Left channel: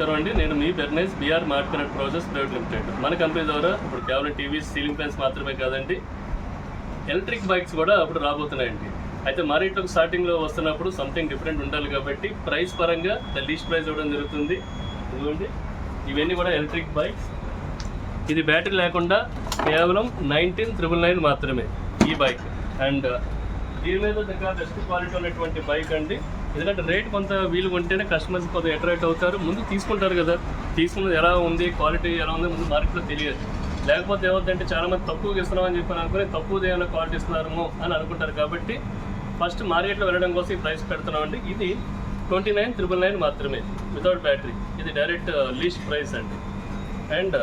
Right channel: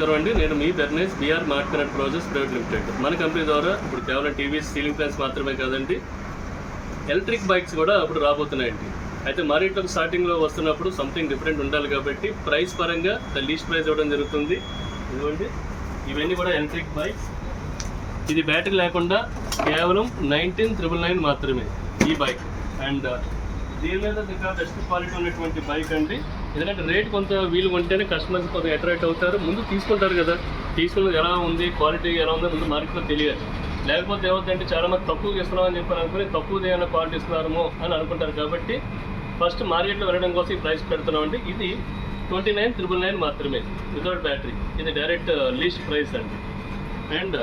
నమస్కారం అండి. నేను మీ బెర్నేస్ BR mart connect projects private limited. మన కంపెనీ ద్వారా ఇప్పుడు కేవలం టీవీస్, సీలింగ్ ఫ్యాన్స్ మాత్రమే కాదండి, ఎలక్ట్రిక్ బైక్స్ కూడా అప్పుడు రాబోతున్నాయండి. అయితే మార్కెట్లోకి స్టార్టింగ్లో వస్తున్నప్పుడు సంథింగ్ డిఫరెంట్ ఉండాలి కాబట్టి ప్రైస్ పరంగా లీస్ట్ ప్రైస్ ఇవ్వడం జరుగుతుంది. ఇదిగోండి, ఇవన్నీ కూడా ఎలక్ట్రిక్ బైక్స్. ఇది బ్యాటరీ లేకుండా కేవలం 19,999 మాత్రమే ఈ బైక్. అండ్ దీని మీద దగ్గర బెస్ట్ క్వాలిటీ ఉన్నటువంటి బైక్ అండి. ఎందుకంటే రేట్ కొంత వీలు కొంటేనే కస్టమర్స్ కొంత అట్రాక్ట్ అవుతారు, ముందు తీసుకుంటారు కదా, తీసుకున్నది ఎలా ఉంది, క్వాలిటీ ఎలా ఉంది ముందు మార్కెట్లో తెలియదు. లేకపోతే ఏమవుతుందంటే చాలామంది తక్కువగా ఇస్తున్నామని చెప్పి అనుకుని తక్కువ ఏమైనా క్వాలిటీ ఇస్తున్నారేమో అని అనుకుంటారు. కాబట్టి ఫస్ట్ మార్కెట్లో వెళ్ళడం కోసం ఈ ప్రైస్ పెడుతున్నామండి. ఇది 29,999 మాత్రమే వితౌట్ బ్యాటరీ. ఇది డైరెక్ట్ లీస్ట్ ప్రైస్ అండి. అండ్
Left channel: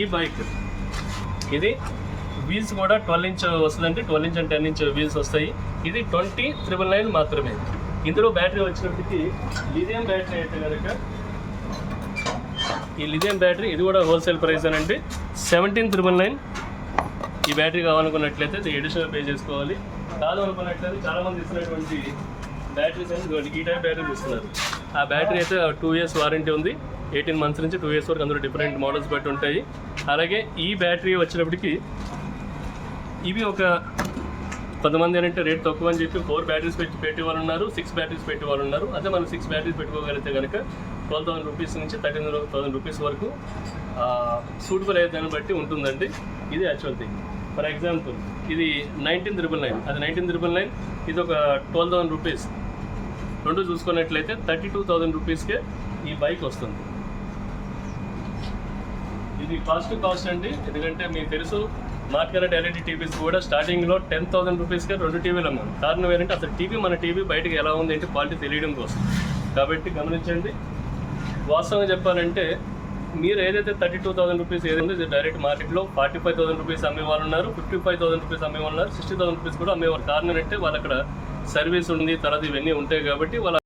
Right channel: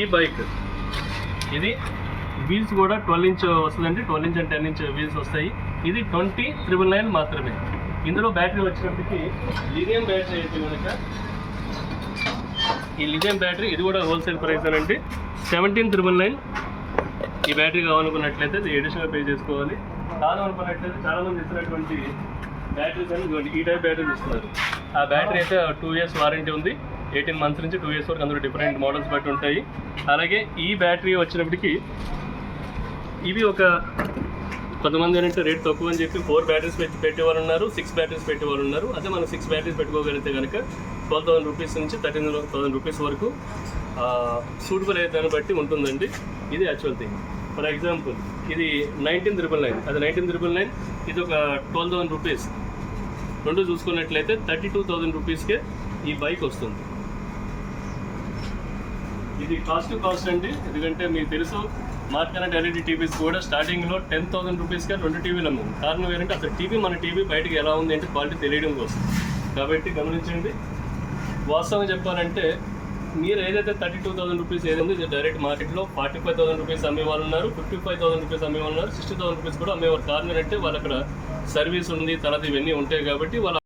ఈ బైక్ ఇది వీల్స్ కూడా 12 ఇంచ్ వస్తుందండి. 12 ఇంచ్ అండ్ 10 ఇంచ్ వీల్స్ వస్తాయి. ఇది 20,999 మాత్రమే. ఇందులో బ్యాటరీ వచ్చినప్పటికీ లిథియం బ్యాటరీ అయితే కనుక ఈ లిథియం బ్యాటరీ ఇది కూడా హోల్సేల్ ప్రైస్ అనండి 17,999. ఈ బ్యాటరీ కావాలనుకున్నట్లయితే ఇది ఎడిషనల్ పే చేసుకోవాలి. కావాలనుకున్నట్లయితే చాలామంది ఇస్తున్నటువంటి బ్యాటరీస్ అని ఈ టైప్ బ్యాటరీస్ ఇస్తున్నారు. ఆ బ్యాటరీ అయితే 2 years వారంటీ ఉంది. 18 months నుంచి 2 years వరకు అందులో డిఫరెంట్ మోడల్స్ బట్టి ఉంటాయి. అలాగే ఈ బ్యాటరీ వచ్చినప్పటికీ ఇవి ఒక కొంతమంది ఏంటంటే రేట్ తక్కువ అని చెప్పి 4 బ్యాటరీస్ పెట్టేవాళ్ళు ఉన్నారు, 6 బ్యాటరీస్ పెట్టేవాళ్ళు ఉన్నారు. అదే మనం 6 బ్యాటరీస్ పెట్టుకోగలిగితే కనుక 12,000 రూపీస్ నుంచి 13,000 రూపీస్ వరకు సూటబుల్ అయ్యే దాన్ని బట్టి ఉంటుందండి. ఇది యాక్చువల్ థింగ్. ఫర్ ఎగ్జాంపుల్ ఇది 19,999, అది 19,999, ఇది ఒక 12,000 రూపీస్. రెండు చూసుకున్నట్లయితే 32,000 రూపీస్కే ఈ బైక్ వస్తుంది. ఇది కాస్ట్ అండి. ఎందుకంటే మీకు తెలుసు మార్ట్ కనెక్ట్ ఎల్ఈడి టీవీస్ కూడా స్టార్టింగ్లో 10,000 రూపీస్కే 2 టీవీలు అమ్మాము. కారణం ఏంటంటే అసలు మన టీవీ బయటకు ఎలా ఉంది అంటే క్వాలిటీ తెలియడం కోసం. కాబట్టి గమనించండి. వాస్తవంగా చెప్పాలంటే మీరు ఏదైతే 32,000 రూపీస్ ఏదైందో ఇది డైరెక్ట్ మార్కెట్లో 45,000 రూపీస్ అమ్మేవాళ్ళు ఉన్నారు, 55,000 రూపీస్ అమ్మేవాళ్ళు ఉన్నారు, 60,000 రూపీస్ కూడా అమ్మేవారు. కారణం ఏంటంటే వాళ్ళు అక్కడ సర్వీస్ ఉంది, తర్వాత ఇవన్నీ ఉంటాయి కాబట్టి వాళ్ళ